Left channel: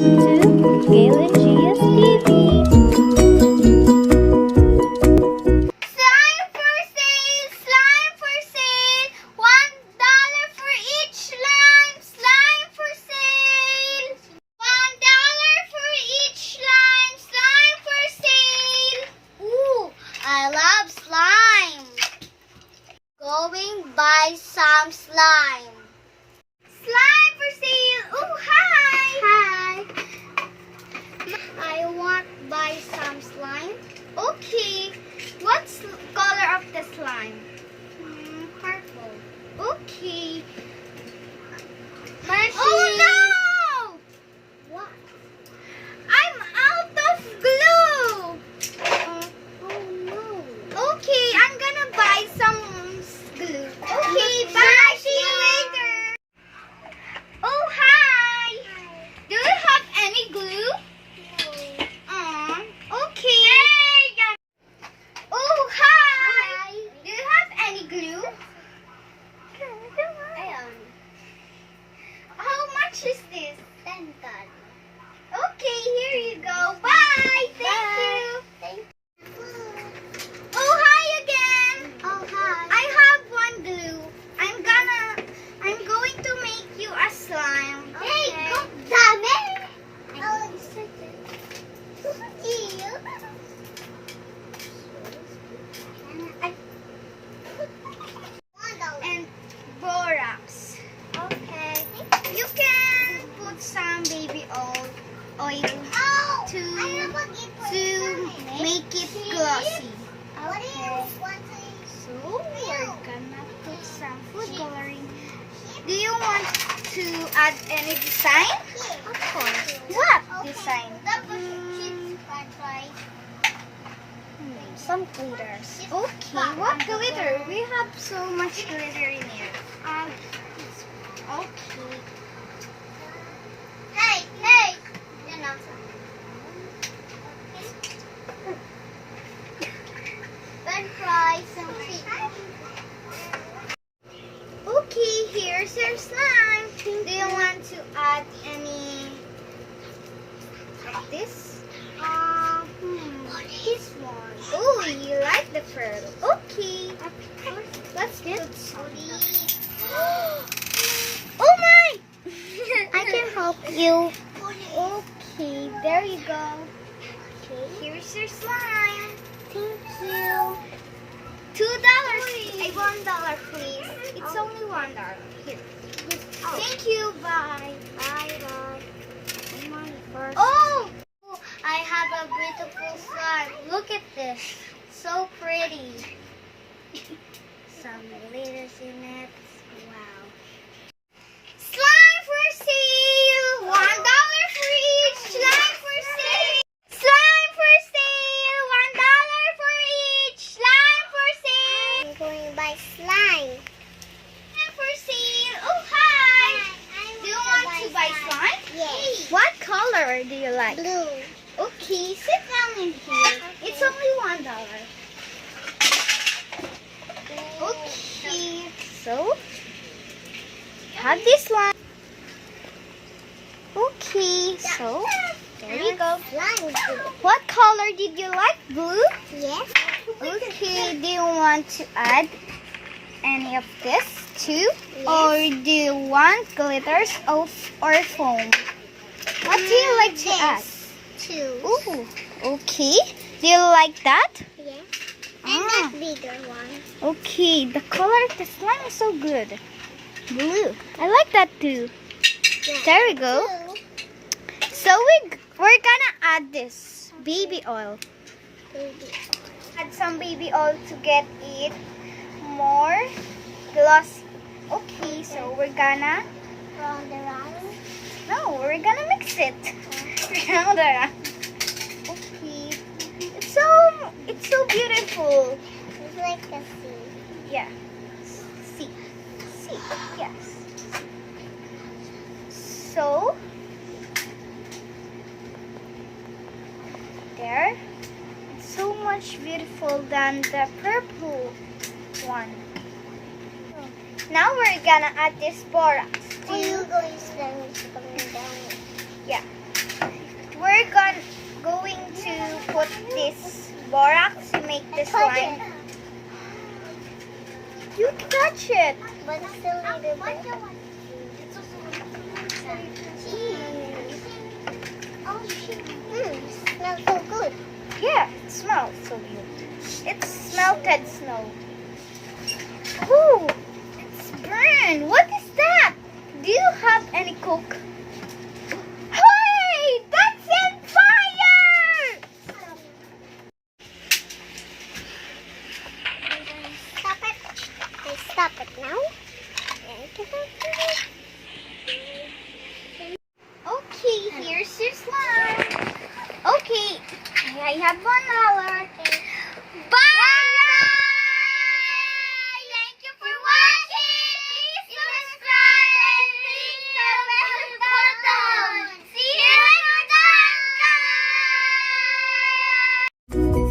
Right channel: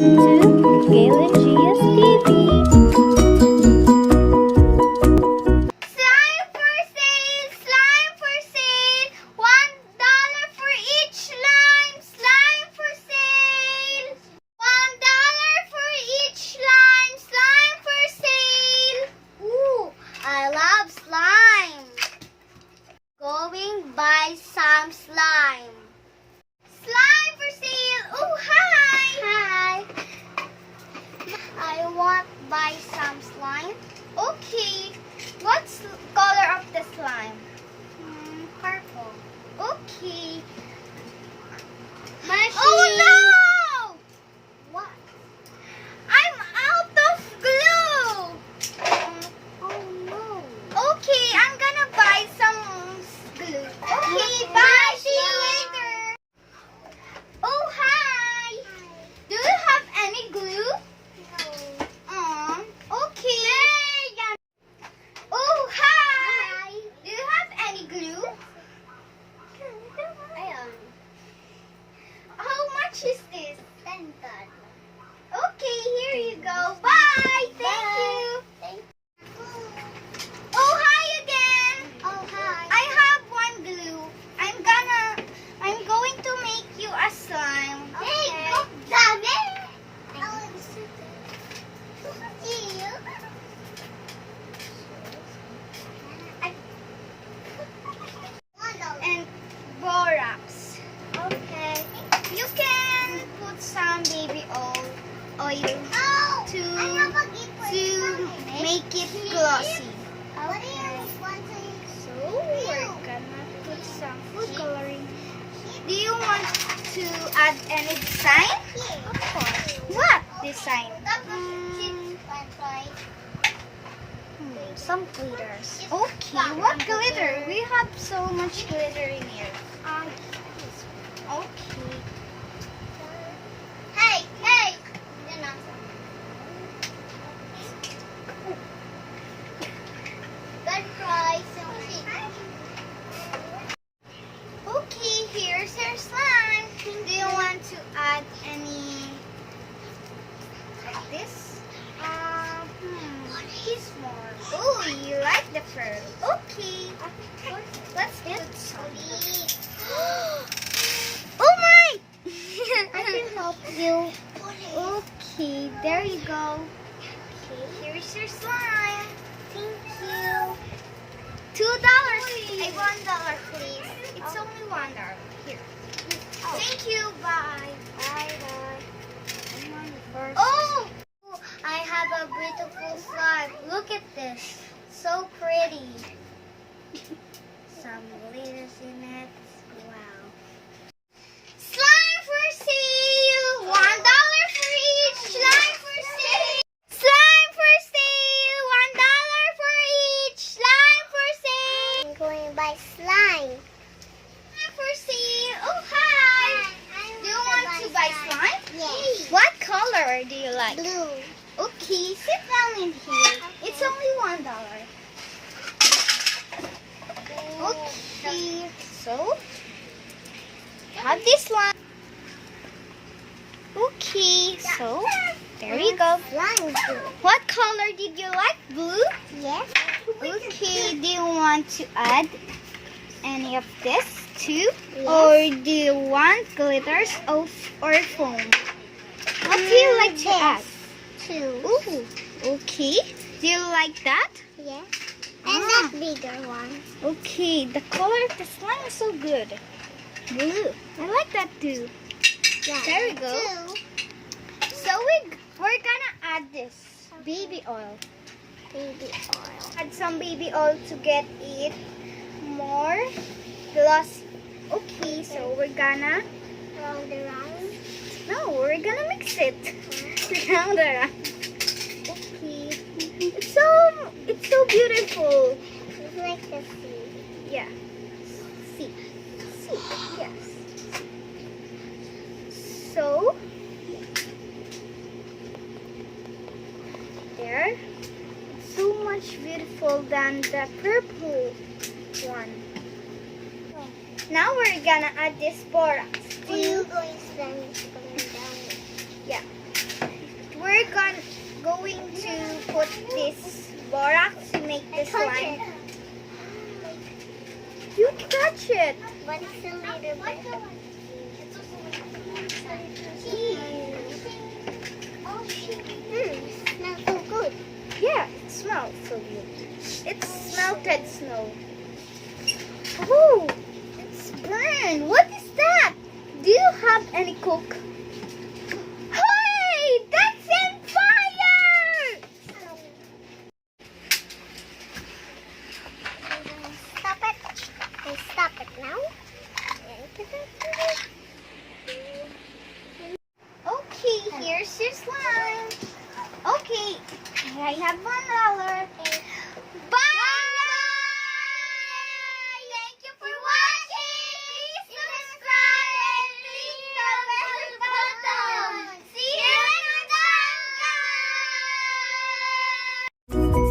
To Gail&Gio's TV. Slime for sale! Slime for sale! $1 for each slime! Slime for sale! $1 for each slime! Slime for sale! Ooh, I love slime! Going buy some slime. Slime for sale! Oh, hi! Hi! I want buy some slime. Okay. What's color of the slime? Purple. Okay. Oh no! What? I'm out of glue. Oh no. Okay, I'm gonna buy some glue. Okay, bye. See you later. Oh hi. Do you have any glue? No. Okay. Oh, hi! Do you have any glue? How much is this? $10. Okay, here you go. Bye! Thank you! Oh, hi again! Oh, hi. I have one glue. I'm going to make you a slime. Okay. Hey, go damn it! I'll sit there. And borax. Okay. You can put some baby oil to make it glossy. Okay. So we're gonna put some food coloring. Do you want to add any design? Of course. What design? Some glitters. Okay, what glitter? We have so much glitter in here. Okay. Hey, hey! Good price. Okay, here's your slime. Do you want to add any like this? This one. Oh, you like the pearl. Okay. Let's put some. Oh my! I can help you. Okay, there you go. Okay, here's your slime. Thank you. $2. Hey, $1, please. It's only $1. Here. Oh. Thank you. Bye. Bye. Bye. Money first. Oh! I have a beautiful slime. Look at this. So pretty. Some glitters in it. Wow. Slime for sale! $1 for each. Slime for sale! Slime for sale! $1 for each. Slime for sale! I'm going to buy slime. Slime for sale. Oh, hi! Do you want to buy slime? Yes. What color do you like? Blue. Okay, sit down in here. Okay. It's only $1. Okay, so have this one. Okay, so there you go. What color did you like? Blue? Yes. Okay, do you want to add any of this too? Yes. Or do you want glitters or foam? What do you like to add? Ooh, okay. Do you like that? Yes. And that bigger one. Okay, the color of the slime is so good. Blue. I like that too. Yeah, there we go. Too. So we're gonna add this baby oil. Add some baby oil to get it more glossy. Okay, so we're gonna round around. No, we're gonna mix it. Round around. Okay. It's so beautiful. It's like the sea. Yeah. Sea. Yes. So there. It's so much beautiful than the purple one. Now we're gonna add this borax. Are you going to Yeah. put this borax to make the slime. You touch it. But it's a little bit. Smells so good. Yeah, it smells so good. It's melted snow. Ooh, it's burned. What is that? Do you have any cook? Hey, that's in fire! Stop it. Stop it now. Okay, here's your slime. Okay, here I have $1. Bye! Thank you for watching. Please subscribe and click the bell button. See you next time, guys!